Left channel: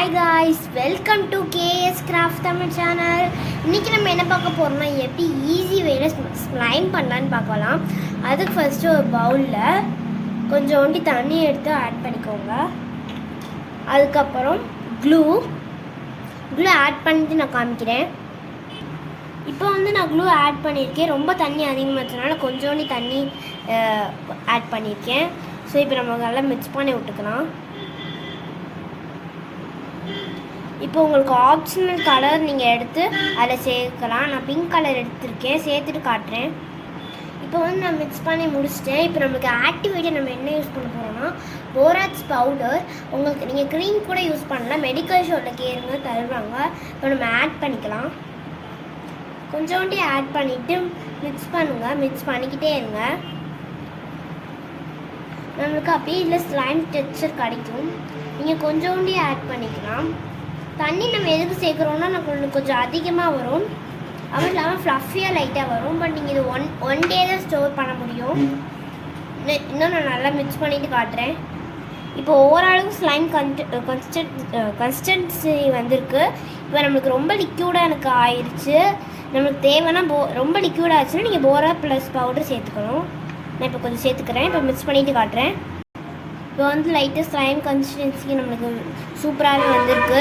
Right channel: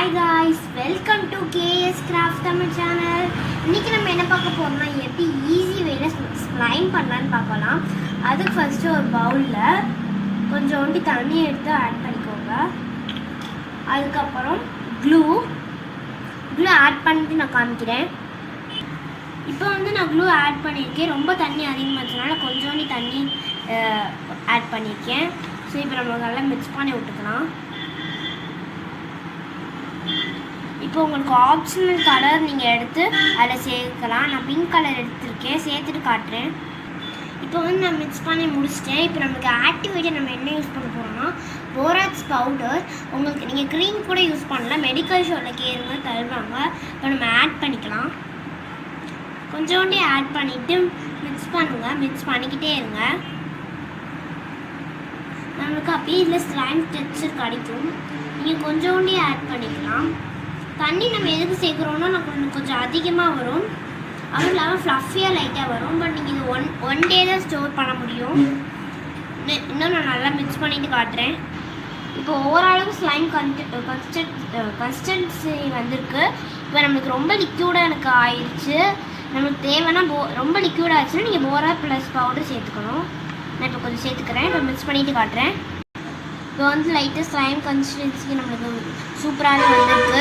Hi guys, welcome to KS Craft Tamil channel. இன்னைக்கு நம்ம என்ன பார்க்க போறோம்னா எப்படி ஈஸி வேல ஸ்லைம் பண்ணலாம்னு பார்க்கலாம். அதுக்கு ஃபர்ஸ்ட் ஒரு பவுல்ல கொஞ்சோண்டி தண்ணி எடுத்து ஆட் பண்ணிக்கோங்க. அதுக்கு அப்புறம் க்ளூ ஆட் பண்ணிட்டு நான் காமிக்கிறேன். இப்போ நான் க்ளூ ஆட் பண்ணியிருக்கேன். ரொம்ப தண்ணி அதிகமாகிறதுனால கொஞ்சோண்டி தண்ணி ஆட் பண்ணியிருக்கேன். ஸோ இப்போ நம்ம நல்லா மிக்ஸ் பண்ணி விட்டுக்கலாம். இப்போ உங்களுக்கு ஆப்ஷனல் கலர் நீங்கள் எடுத்து அதில் சேர்க்கலாம். நான் பிங்க் கலர் எடுத்திருக்கேன், சேர்த்துட்டு காட்டுறேன். இப்போ நான் மிக்ஸ் பண்ணி முடிச்சிட்டேன். இப்போ நமக்கு ஆக்டிவேட்டாக நம்ம என்ன யூஸ் பண்ண போகிறோம்னா போராக்ஸ் பவுடர். உங்களுக்கு நீங்கள் க்ரீம் கூட யூஸ் பண்ணலாம், மெடிக்கல் ஷோரில் கேருங்க தருவாங்க. இப்போ நம்ம ஆட் பண்ணிக்கலாம். கொஞ்சோண்டி ஆட் பண்ணிவிட்டு மிக்ஸ் பண்ணுங்கள், மிக்ஸ் பண்ணிக்கிட்டே இருங்க. நம்மளுக்கு அப்படியே இதில் ஸ்லைம் டெக்ஸ்சர் கிடைக்கும். நீங்கள் கொஞ்சோண்டி ஆட் பண்ணிக்கலாம். தண்ணி நம்ம எதுக்கு சேர்க்குறோன்னா நமக்கு கொஞ்சம் அதிகமாக வரும், அதுவும் இல்லாமல் ஃப்ளஃபியாக லைட்டாக வரும். பட் நீங்கள் இது ஒன் டே தான் ஸ்டோர் பண்ண முடியும். இன்னும் நான் நல்லா மிக்ஸ் பண்ணிவிட்டு காட்டுறேன். இப்போ ஓரளவுக்கு ஸ்லைம் கன்சிஸ்டன்சி வந்திருக்கு. இப்போ நம்மளுக்கு ரொம்ப லிக்யூடாக எனக்கு ஆயிடுச்சு. நம்மளுக்கு தேவைன்னா ரொம்ப லிக்யூட் ஆச்சுன்னா நீங்கள் போரா ப்ளஸ் பவுடர் சேர்த்துக்கணும். நான் இப்போ கொஞ்சம் சேர்த்துக்கிறேன். இப்போ மிக்ஸ் பண்ணிவிட்டு காட்டுறேன். இப்போ லைட்டாக ஸ்லைம் கன்சிஸ்டன்சி நம்மளுக்கு சூப்பராகவே வந்திருக்கு.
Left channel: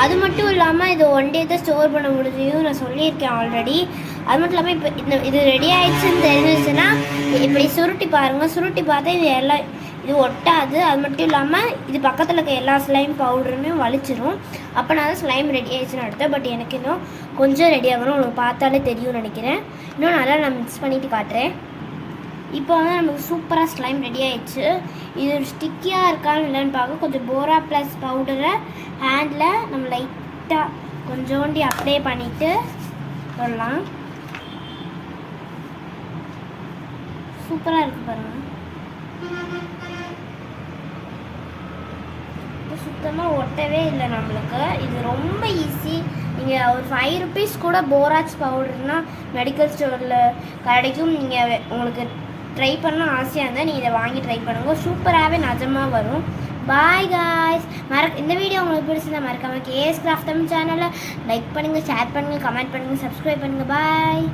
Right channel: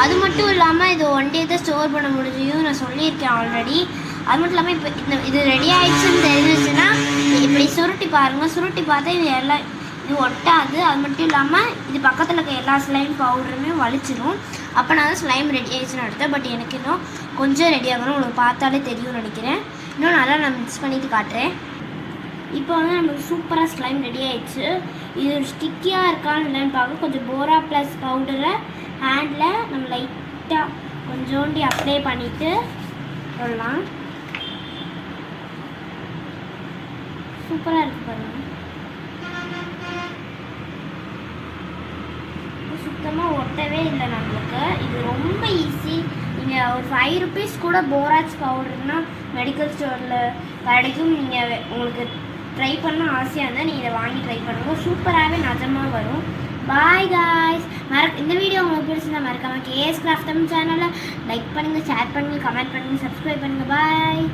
அது மட்டும் இல்லாமல் இது ஒன் டே தான் ஸ்டோர் பண்ண முடியும், நான் சொல்லியிருக்கேன் ஆல்ரெடி. அது மட்டும் இல்லாமல் இப்போ இது ரெடி ஆகிடுச்சுன்னு தெரிஞ்சிச்சுன்னா இப்படி சுருட்டி பாருங்கள். சுருட்டி பார்த்தா இது ஒட்டாது. அது மட்டும் இல்லாமல் இது பக்கத்தில் இருக்க எல்லா ஸ்லைம் பவுடருமே வலிச்சிடும். அப்போ நான் தான் ஸ்லைம் ரெடி ஆகிடுச்சுன்னு அடுத்தேன். பட் எனக்கு இன்னும் கொஞ்சம் ரெடி ஆகணும், உங்களுக்கு பார்த்தாலே தெரியும்னு நினைக்கிறேன். இன்னும் நல்லா நான் மிக்ஸ் பண்ணிவிட்டு காட்டுறேன். இப்போ நமக்கு சூப்பராக ஸ்லைம் ரெடி ஆகிடுச்சு. இது ஸ்டிக்கியாக இருக்கான்னு இல்லைன்னு பார்க்க கொஞ்சம் போரா ப்ளஸ் பவுடரை ஹேண்டில் நம்ம லைட்டாக கொஞ்சோண்டி அப்ளை பண்ணிவிட்டு வரலாம். சூப்பராக இருக்குது பாருங்கள். சுத்தமாக ஒட்டவே இல்லை நம்மளுக்கு. இது ரொம்ப ஈஸி. நீங்கள் ஒரு 5 rupees கூட போராக்ஸ் பவுடர்னால் மெடிக்கல் ஸ்டோரில் கிடைக்கும். நீங்கள் உங்களுக்கு ட்ரை பண்ண ஆசையாக இருந்தால் நீங்கள் இதை வாங்கி ட்ரை பண்ணுங்கள். சூப்பராகவே நிஜமாக வரும். Bye guys. இந்த வீடியோ உங்களுக்கு பிடிச்சிருந்தா மறக்காமல் KS Craft Tamil சேனலை லைக் பண்ணுங்கள், ஷேர் பண்ணுங்கள், கமெண்ட் பண்ணுங்கள், சப்ஸ்கிரைப் பண்ணுங்கள். பாய்.